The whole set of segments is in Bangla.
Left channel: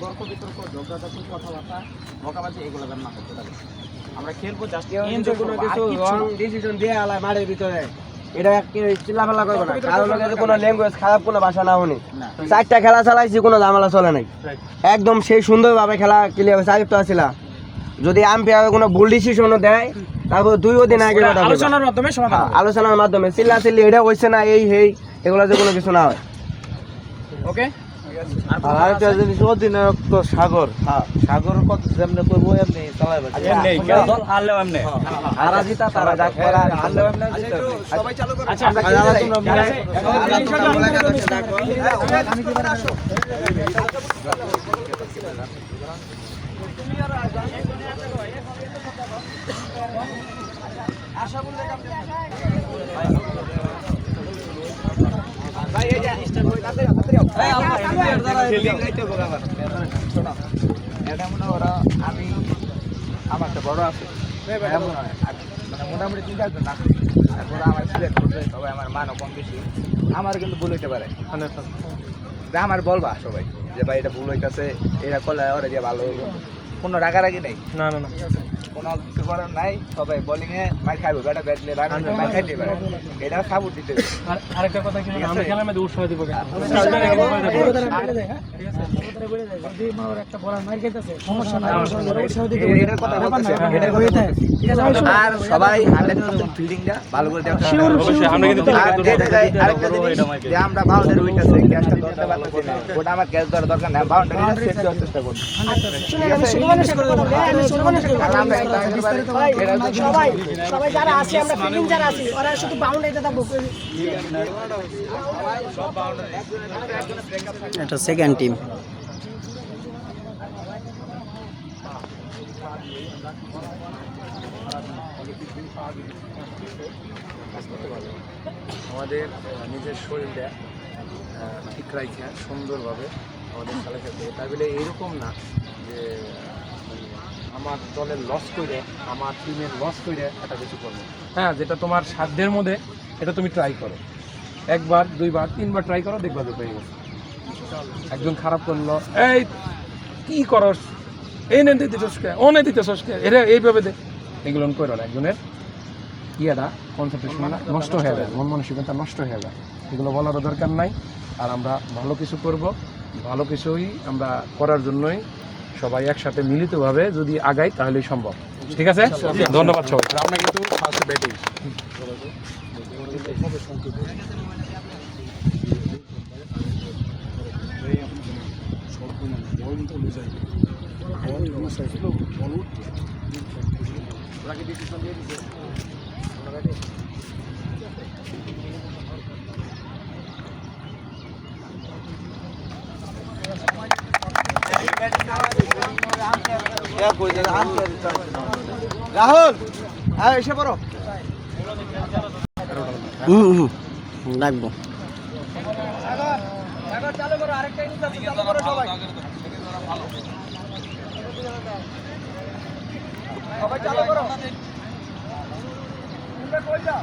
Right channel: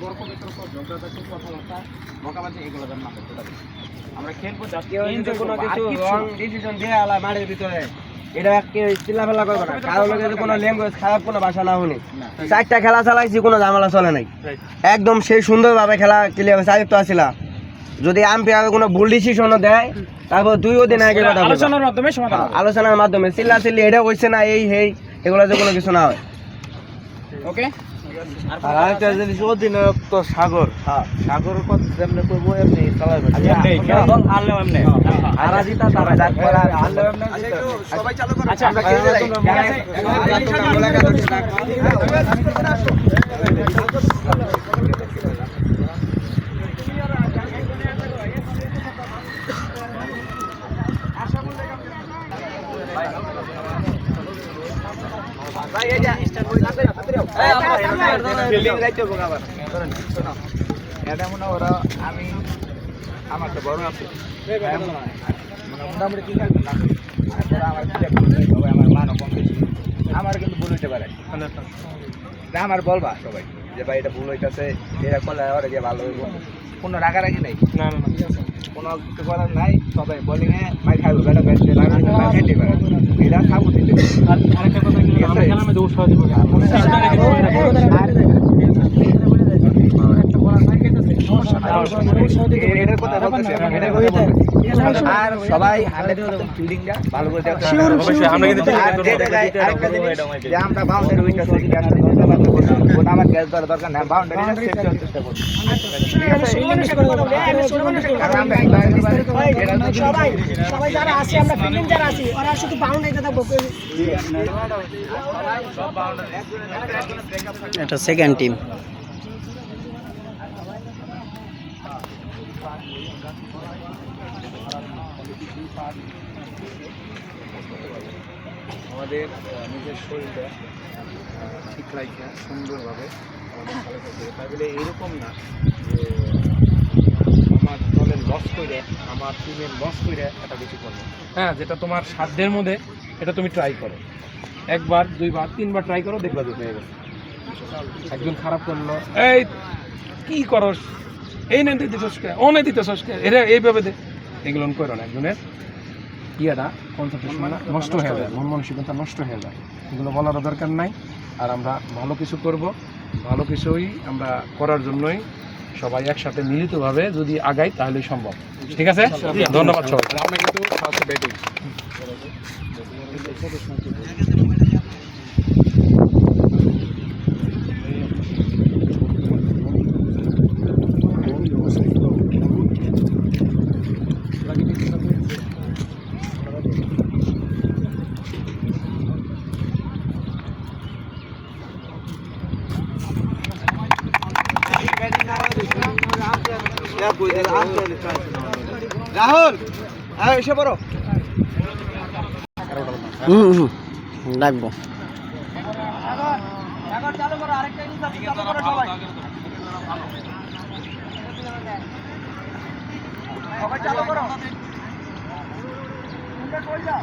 তর্ক বিতর্ক ঝগড়াঝাটি কথাবার্তা বকাবাজি এগুলো যেন না করতে পারি। আমরা খেলবো জাতীয় কোনো কিছু রং ডিসিশন দিয়ে আলা মাঠের ভিতরে এটা চিল্লাফাল্লা করবে না, কারোর লগে কোনো ল্যাঙ্গুয়েজ খারাপ কোনো ভাষা না শুনি। 4টা খেলা চালাইছি, কোনো ঝামেলা চলে নাই, একদম সেই সুন্দরভাবে খেলা ক্লিয়ার হয়েছে। আয়ত্ত আসিলা যদি আম্পায়ার কোনো ভুল ডিসিশনও দেয় তারপর 2 দিন আগে কথা আলোচনার মাধ্যমে চিল্লা চিল্লি এটা হয়েছে না এই হেই এগুলো যে কোনো কিছু না হয়। ওকে। আর আরেকটা জিনিস অধিনায়ক তো সাগর, সাগর কত যেমনি করবো এমনি চালাবে, আর জিতা তারা সবাই চালু করো। আচ্ছা আমরা খেলে যাই, ঠিক আছে? ভাই এই যে স্টার্ট হই তাড়াতাড়ি ফিল্ডিং রাইতে বগা আবার শোনো এটা মনে ওরা আমি আমার তো বড় আছে মানে মোটামুটি ঠিক আছে না, তারপর আমার সিলেক্ট করতে সবাই আমার মানও কম বেশি, আমার কিন্তু ভুল হইতে পারে, আমার বলবা সবাই যে ভাই এটা ভুল হইতেছে, এটা করলে ওরা যে ভালো হইব, কোনো রাগারাগি নেই, না না কোনো কিছু করার নাই, সবাই বোলিংয়ে মাই খাইব, ব্যাটা ব্যাটলে রাগাতে মাই খাইতে পারে, এটা খাবো দিতে। আরেকটা কথা কি আমরা খেলার মধ্যে উৎসাহ দিব আর সবাই 100% ফিল্ডিংটা ভালো করে দেওয়া, অবশ্যই আমরা কিন্তু যে আমরা বাউন্ডারি উইটাছে গ্যাসটা ধরতে পারবো, ওটা আমার গ্যাস ধরা দরকার না, বাউন্ডারিটা সেট করার চেষ্টা করব, কারণ আমরা সবাই যারা আছে আমরা ফিল্ডিং যারা আছি ওরা শুধু বাউন্ডারিটা থাকবো। এটা সেকেন্ড টিম। আমাদের নিজের শরীরটা ঠিক রাখা সুন্দরভাবে আমাদের খেলা খেলতে হবে, তাই বলে এইরকম না যে আমার দলের লস করে আমার টিমের লস করে এটা বেশি করবো। হ্যাঁ, যেটা তোমার সাধ্যের মধ্যে এটা তুমি ট্রাই করো, 1বার 2বার 3বার ট্রাই করো, দেখবা যে হয়ে গেছে। একজন খারাপ করলো, এই কি করস, এই নেই দিতে সসকে, ও নেই দিতে সসকে, এটা এইভাবে দেখ, এগুলো করো না। একজনের ইয়েটা কনসেন্ট্রেশন নষ্ট হয়ে যায়, মন মানসিকতা নষ্ট হয়ে যায়, এগুলো বলারও দরকার নাই। আর আমরা ভালো কিছু করব, ভালো কিছুই আমরা করার জন্যই সবাই একসাথে মিলিতভাবে যদি আগাই তাহলেই সম্ভব। ঠিক আছে, ধন্যবাদ সবাই। আমরা কিন্তু ফার্স্টে ব্যাটিং রাহুল এসে পড়ো, ডাকবো। চালু করো, আরেকটা চালু করো সবাই, সবাই চালু করো, তোমরা কই যাও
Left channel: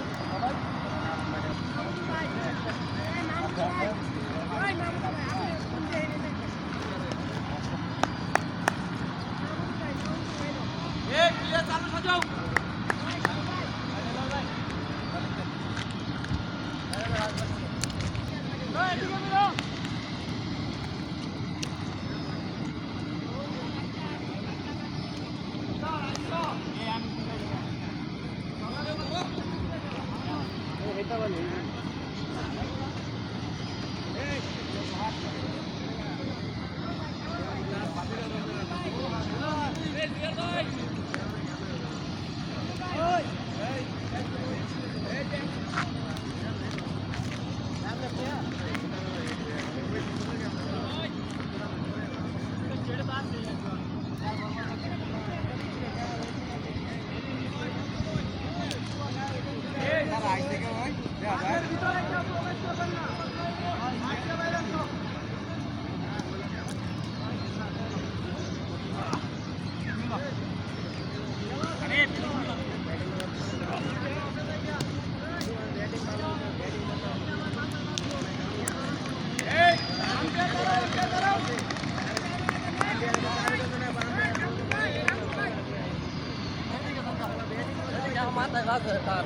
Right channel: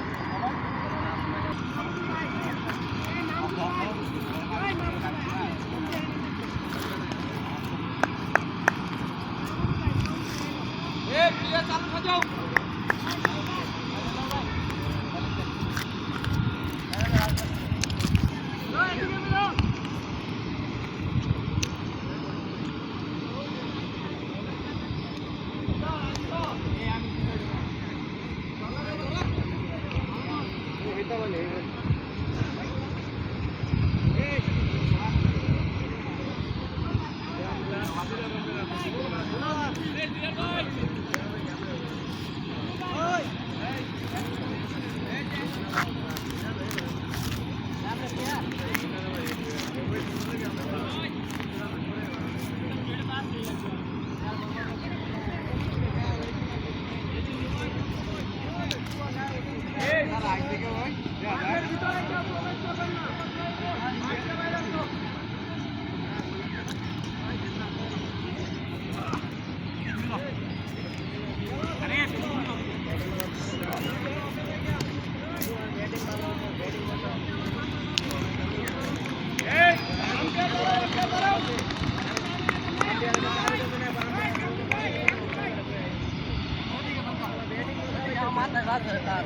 Oh!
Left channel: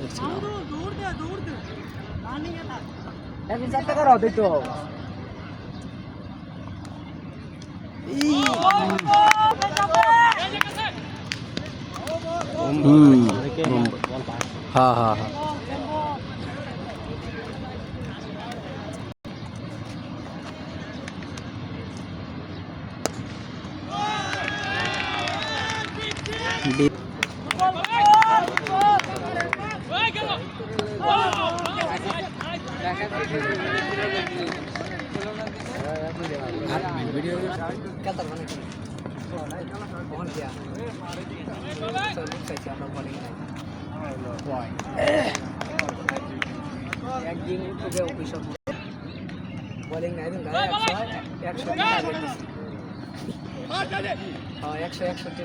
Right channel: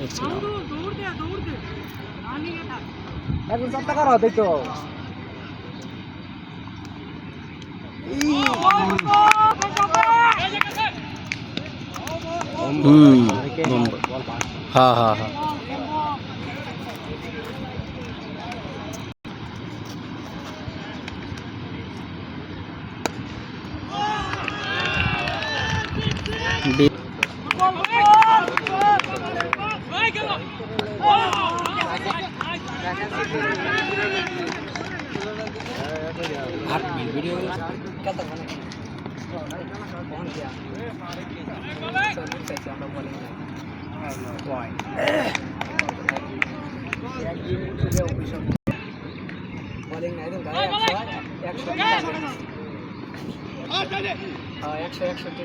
দেখছি না। এখন 4 টাকা রাও দিতো হ্যাঁ হ্যাঁ হ্যাঁ বোলিং নাই দিন 100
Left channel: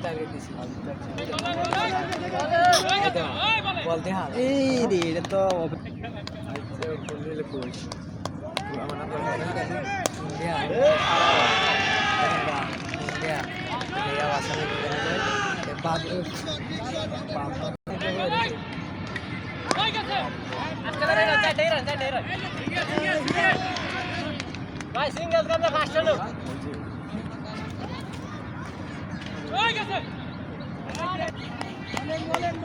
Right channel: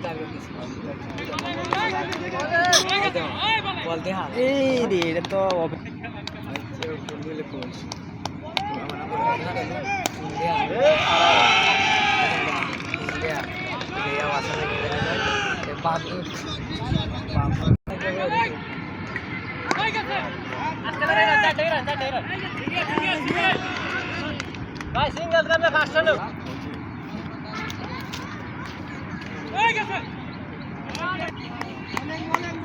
টার্গেট দিছি বল দে হাল এই রে এটা তো ভাই সিঙ্গেল করবে ফাস্ট হলো হয়ে গেছে বলেন